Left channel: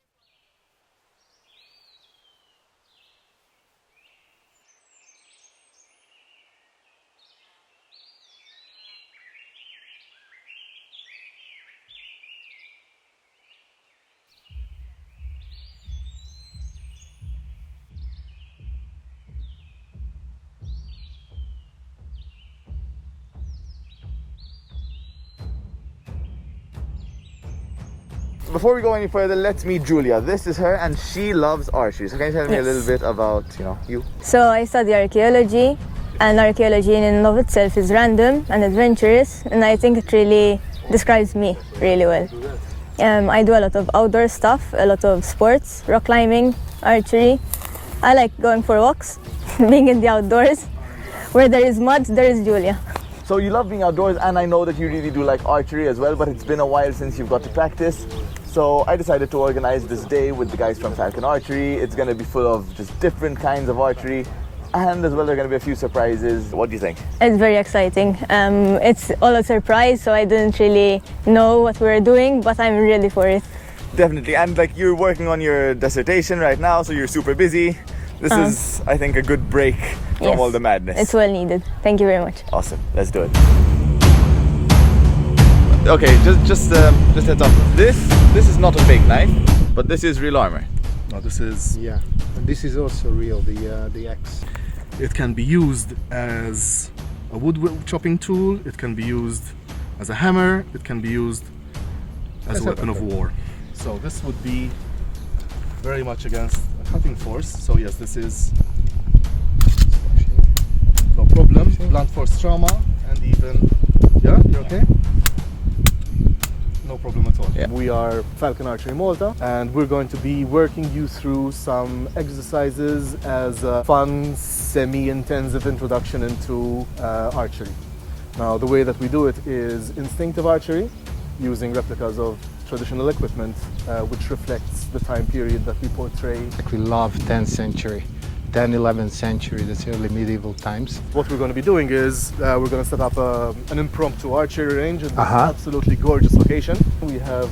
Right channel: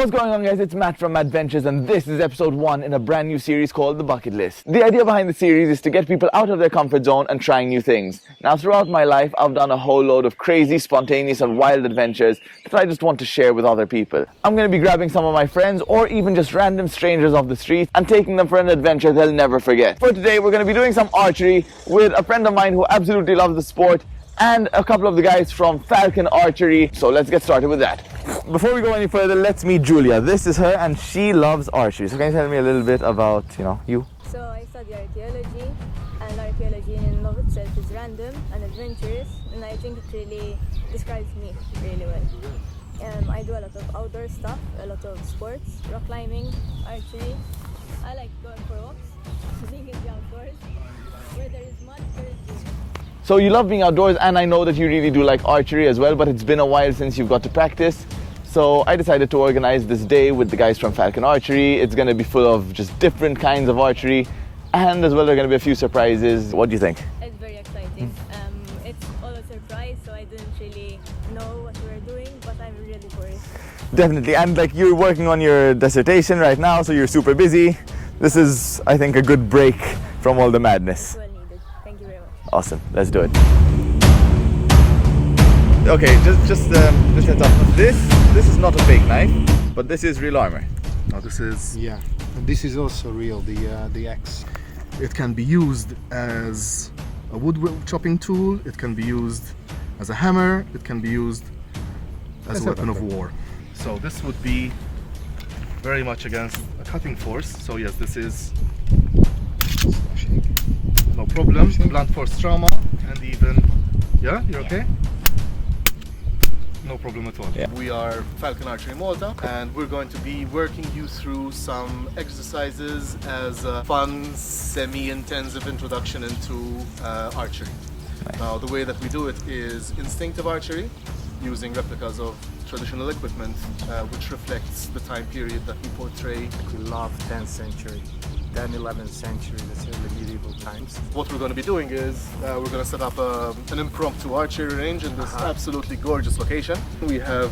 What's going on, guys? It's Matt from Adventures, and this is episode 1 in a brand new series called The Bucket List. The idea behind the series is to get people out of their comfort zone and trying new things. Now, throughout my life, I've done a whole load of crazy, spontaneous and wild adventures that I just want to share with other people. I'm going to be grabbing some of my friends or even just random strangers off the street and taking them for an adventure they'll never forget. For today, we're going to be doing some archery with a friend of mine who absolutely loves the sport and a couple of the guys from Falcon Archery. So let's get started with that. Before we go any further, let's meet Julia. This is her and she loves archery. So can you tell me a little bit about, you? So I study archaeology, and archaeology in and of itself is random and adventurous, and I think it really describes me really well. I do a lot of outdoor stuff, a lot of sports, rock climbing, archery. I like going for walks, being in the outdoors. Where there is mud, there is Julia. So you love being outdoors, and I know that you really do like archery as well, but it's been a while since you've got to practice. So I decided to organize this day with the guys from Falcon Archery. It's going to be full of just different kinds of archery, and as well there are going to be a few surprises. What do you think? It's very exciting. It's all a surprise, so I didn't really know what we were doing, but I'm ready for it. Definitely, and like you're working on your dissertation right now, so you're super busy. This is, I think, a good break from all the madness. It's well needed. Thank you very much. Awesome. Let's do it. Okay, just heads up. This is not a fake knife, but this is real armor. No, this is... Yeah, and this is also real, the axe. It can be used as a wood chopping tool, it can be used as a hammer, it can be used as a weapon of war. So this would be very much against a cutting force. So yes, this is no problem. Blunt force trauma, and even, yeah, you're okay? No problem at all. Yeah. We are Falcon Archery Malta, and we're going to be working you through some exercises as a fun, semi-intensive introduction into archery. Nice. Now, the way that we do it is instinctive archery, using replicas of traditional equipment, which reflects the time period that we portray. We love 10th century, 10th, 11th century, that's early medieval times. What we're going to be doing is we're going to set up an impromptu archery range at this absolutely gorgeous location. We have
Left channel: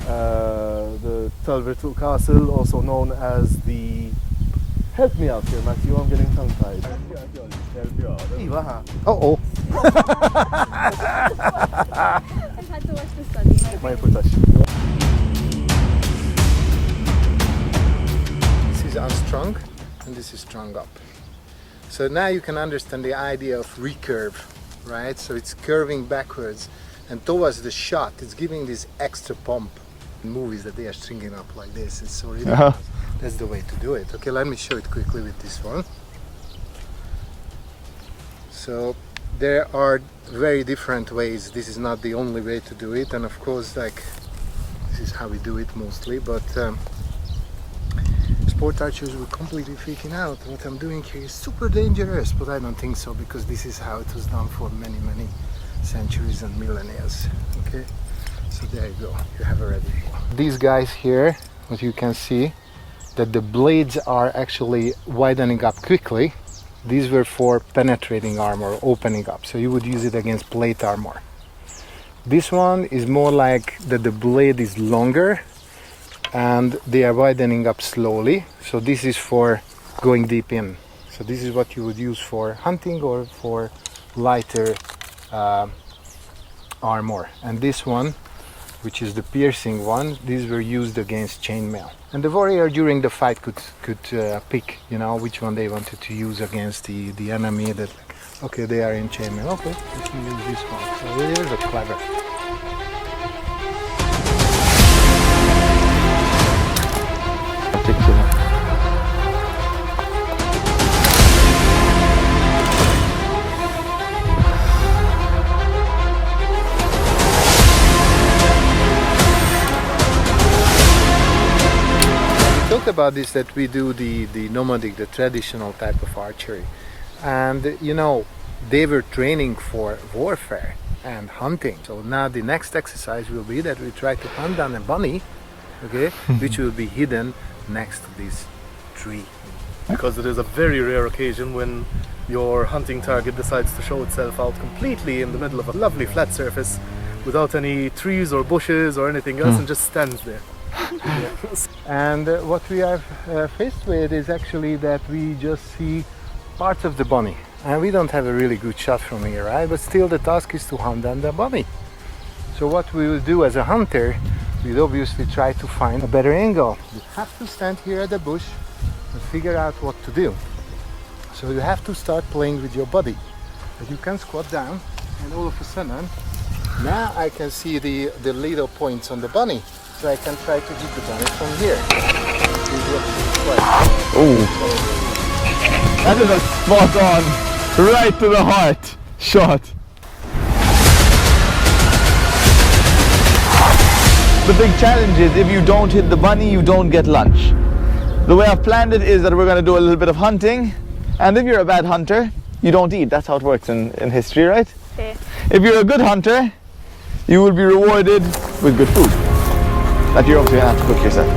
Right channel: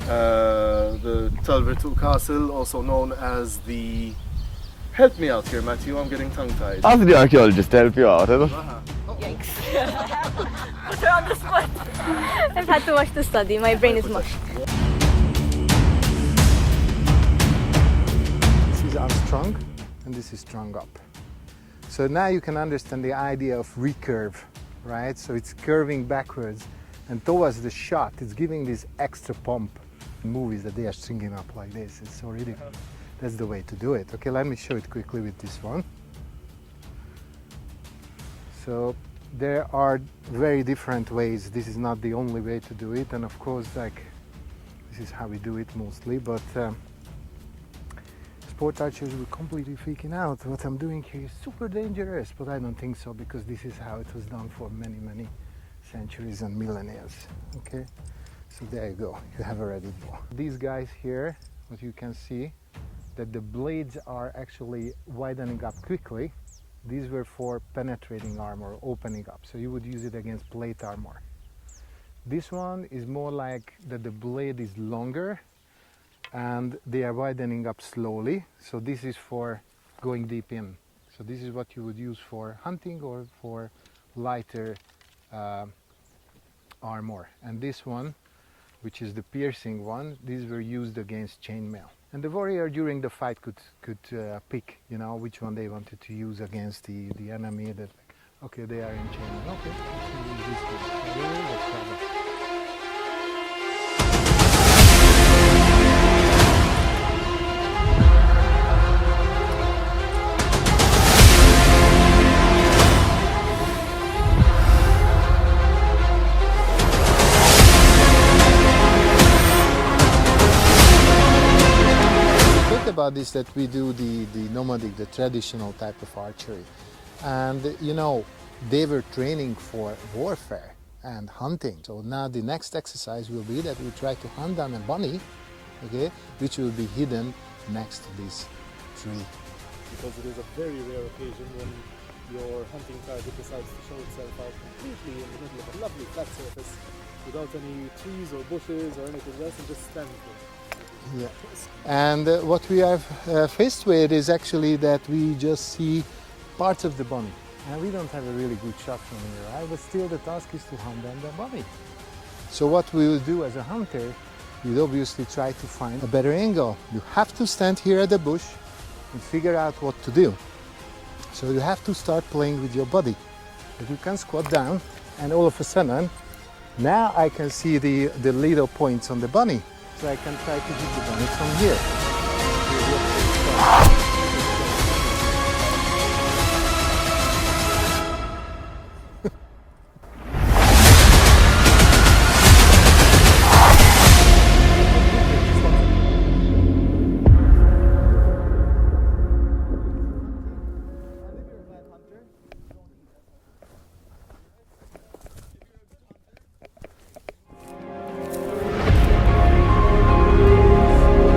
the Telvertu Castle, also known as the... Help me out here, Matthew, I'm getting tongue-tied. How's the archaeologist to help you out? Uh-oh. I've had too much to study. My brain is mush. This is unstrung and this is strung up. So now you can understand the idea of recurve, right? So it's curving backwards and towards the shot, it's giving this extra pump. In movies that they are stringing up like this, it's so ridiculous. That's the way to do it. Okay, let me show it quickly with this one. So there are very different ways. This is not the only way to do it, and of course, like, this is how we do it mostly, but sport archers were completely freaking out. What I'm doing here is super dangerous, but I don't think so, because this is how it was done for many, many centuries and millennia. Okay, so there you go, you have a ready. These guys here, what you can see, that the blades are actually widening up quickly. These were for penetrating armor, opening up, so you would use it against plate armor. This one is more like that the blade is longer and they are widening up slowly, so this is for going deep in. So this is what you would use for hunting or for lighter armor. And this one, which is the piercing one, these were used against chainmail. And the warrior during the fight could pick, which one they wanted to use against the enemy. That, okay, they are in chainmail. Okay, let me use this one. So really clever. About this, that we do the nomadic, the traditional type of archery, and they were training for warfare and hunting. So now the next exercise will be that we try to hunt down a bunny, okay, which will be hidden next to this tree. Because it is a very rare occasion when your hunting target decides to show itself out completely in the middle of a lovely flat surface without any trees or bushes or anything else and just stands there. And what we are faced with is actually that we just see parts of the bunny. And we don't have a really good shot from here, right? But still the task is to hunt down the bunny. So what we will do as a hunter, we'll obviously try to find a better angle. You have to stand here at the bush and figure out what to do. So you have to start playing with your body. But you can squat down and all of a sudden, now I can see the little points on the bunny. So I can try to hit the bunny from here. Ooh. That is a spot on, right to the heart shot. The big challenge is if you don't hit the bunny, you don't get lunch. The way I've planned it is that we're going to do a little bit of hunting, and if you're a bad hunter, you don't eat. That's how it works in history, right? Okay. If you're a good hunter, you will be rewarded with good food that you're obviously going to have to cook yourself.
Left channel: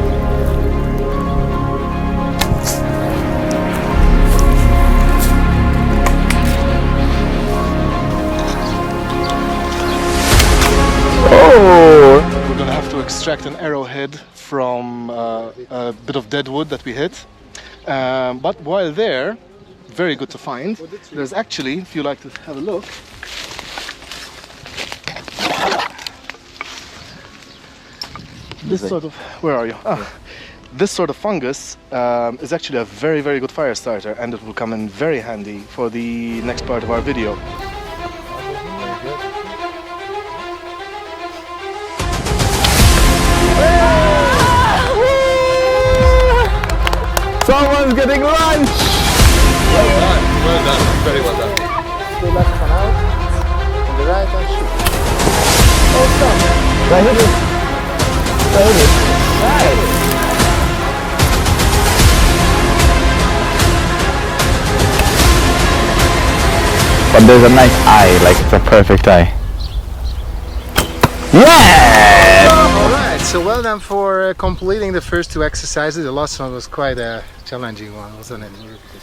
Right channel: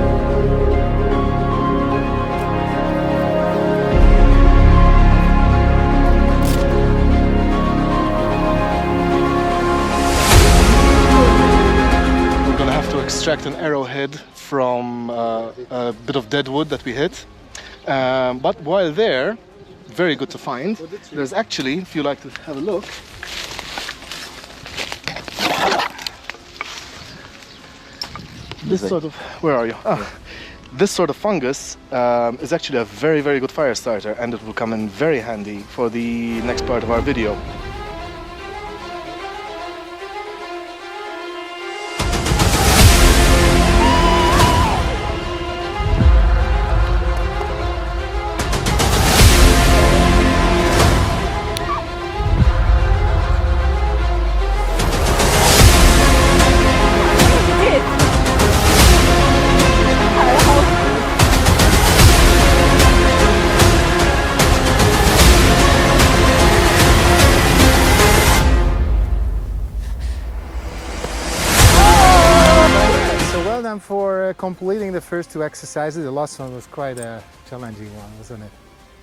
Oh! We're gonna have to extract an arrowhead from a bit of dead wood that we hit. But while there, very good to find, there's actually, if you like to have a look, this sort of, where are you? This sort of fungus is actually a very, very good fire starter, and it will come in very handy for the next part of our video. Someone's getting lunch! Well done, very well done. Go back to out, on the right hand But there's a nice eye, like it's a perfect eye. Yeah! Alright, so well done for completing the first two exercises. The last one was quite a challenging one, wasn't it?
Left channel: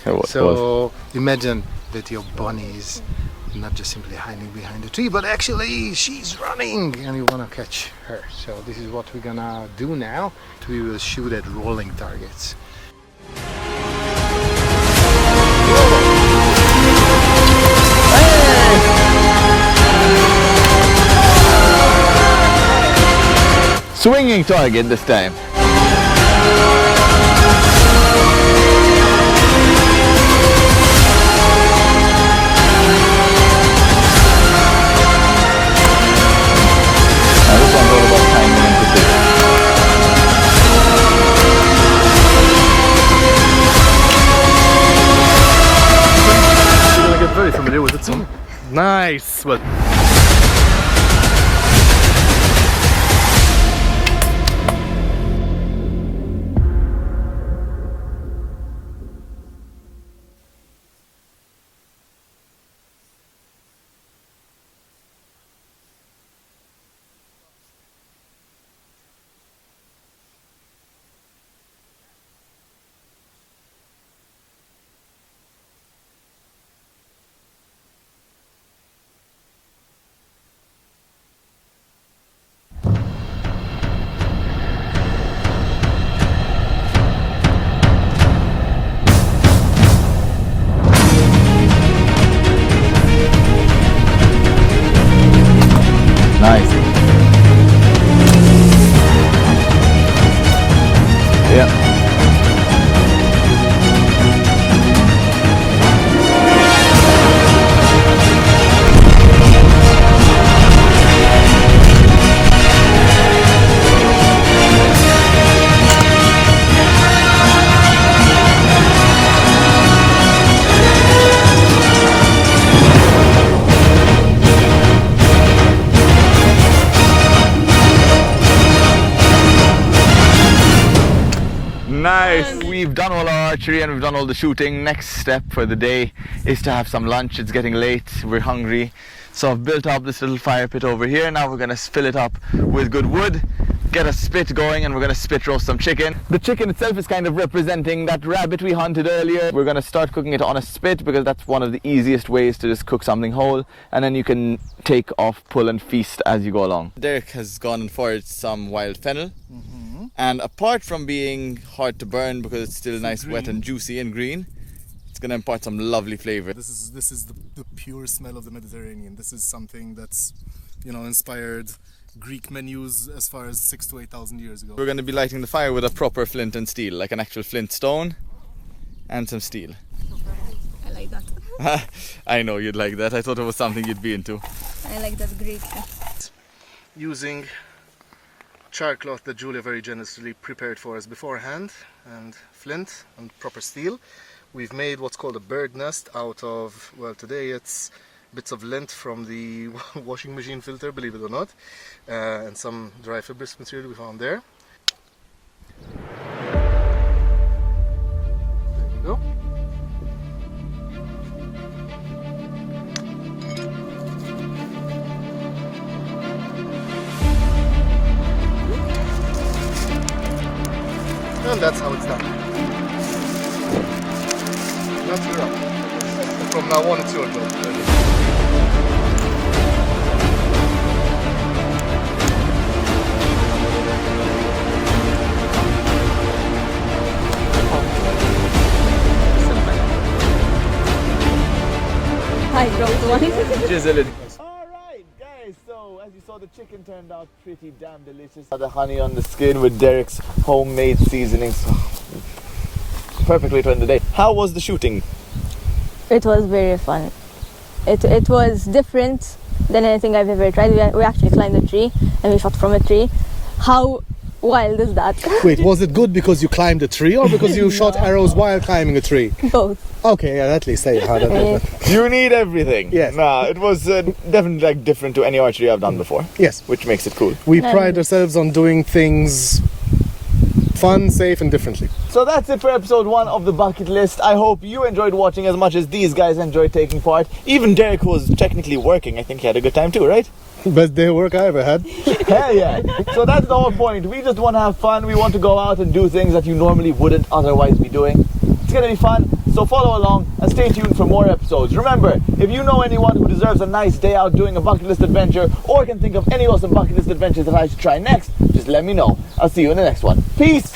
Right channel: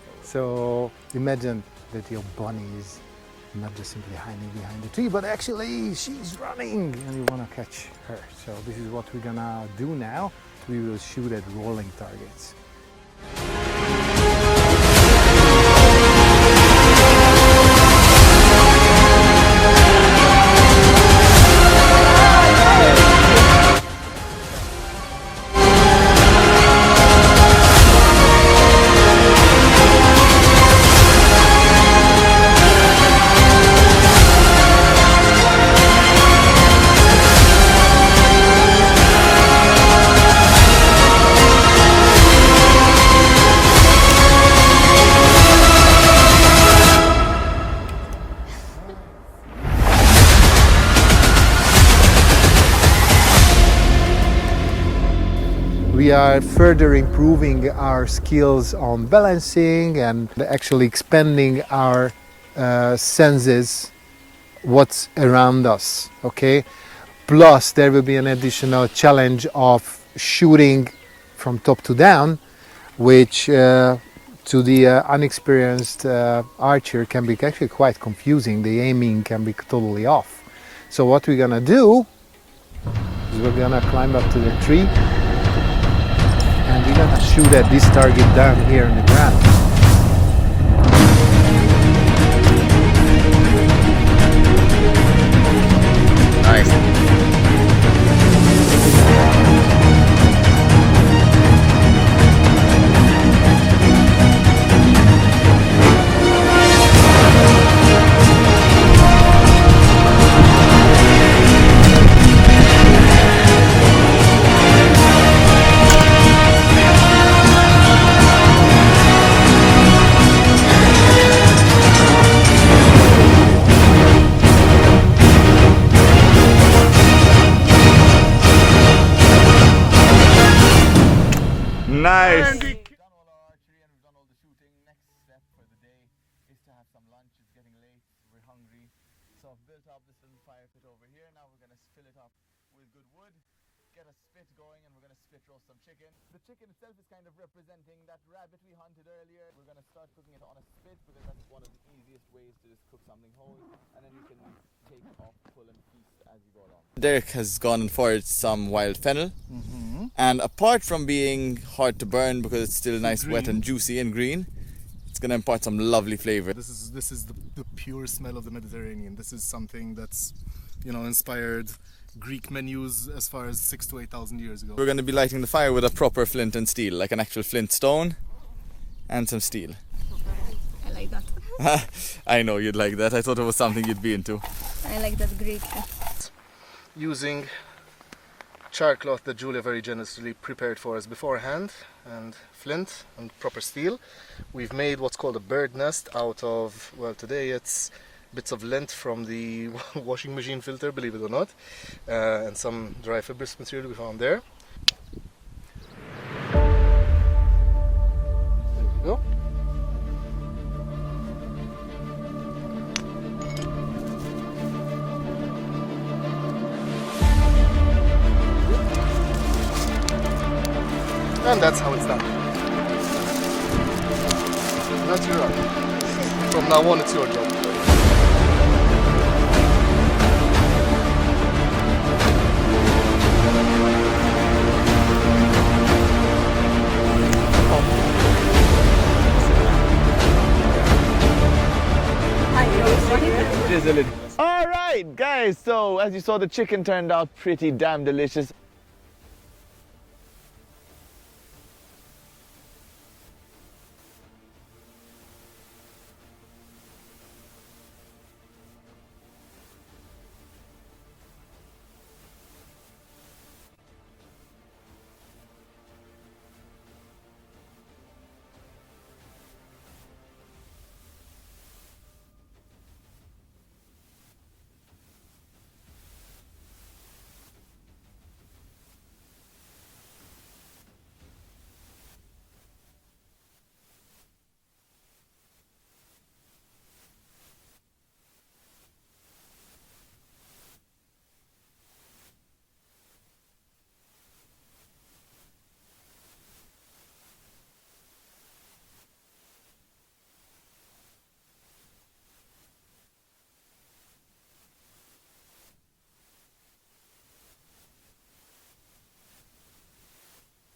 It was. So imagine that your bunny is not just simply hiding behind the tree, but actually she's running and you want to catch her. So this is what we're gonna do now. We will shoot at rolling targets. Swinging target this time. I get very familiar with it, so nice. Well, We are further improving our skills on balancing and actually expanding our senses, what's around us, okay? Plus there will be an additional challenge of shooting from top to down, which to the unexperienced archer can be actually quite confusing. The aiming can be totally off. So what we're gonna do is we're gonna climb up to the tree and we're gonna shoot at this target down here on the ground. Nice. Yeah. Nice! We've done all our archery and we've done all the shooting. Next step for the day is to have some lunch. It's getting late, we're hungry. So I've built up this little fire pit over here. Now we're gonna fill it up with good wood, get a spit going, and we're gonna spit roast some chicken. The chicken itself is kind of representing that rabbit we hunted earlier. We're gonna start cooking it on a spit because that's one of the easiest ways to just cook something whole, and then you can take off, pull and feast as you go along. Derek has gone and foraged some wild fennel. And apart from being hard to burn because it's still nice, wet green. and juicy and green, it's gonna impart some lovely flavor. This is the pure smell of the Mediterranean. This is something that's, you know, inspired Greek menus as far as 6,000 to 8,000 years ago. We're gonna be lighting the fire with a proper flint and steel, like an actual flint stone and some steel. I like that. I know you'd like that. I thought it was something you'd be into. I like that Greek. Using char cloth that Julia very generously prepared for us beforehand, and flint and proper steel, we've made what's called a bird nest out of, well, today it's bits of lint from the washing machine filter, believe it or not, and some dry fibrous material we found there. There you go. And that's how it's done. Not too wrong. From now on, it's your job. Alright guys, so as you saw, the chicken turned out pretty damn delicious. The honey on the skin with Derek's homemade seasonings. Perfect way to end the day. How was the shooting? It was very fun. It was different than anything I've ever tried. We actually climbed a tree and we shot from a tree. How wild is that? Wait, was it good because you climbed a tree or because you shot arrows while climbing a tree? Both. Okay, yeah, at least say how that. You need everything. Yes. Nah, it was definitely like different to any archery I've done before. Yes. Which makes it cool. We pride ourselves on doing things fun, safe, and differently. So that's it for episode 1 of the bucket list. I hope you enjoyed watching as much as these guys enjoyed taking part. Even Derek, who was technically working, I think he had a good time too, right? Best day of work I ever had. Hell yeah. So that's the whole point. We just want to have fun. We want to go out and do things that you normally wouldn't otherwise be doing. It's going to be fun. So follow along and stay tuned for more episodes. Remember, if you know anyone who deserves a nice day out doing a bucket list adventure or can think of any awesome bucket list adventures that I should try next, just let me know. I'll see you in the next one. Peace.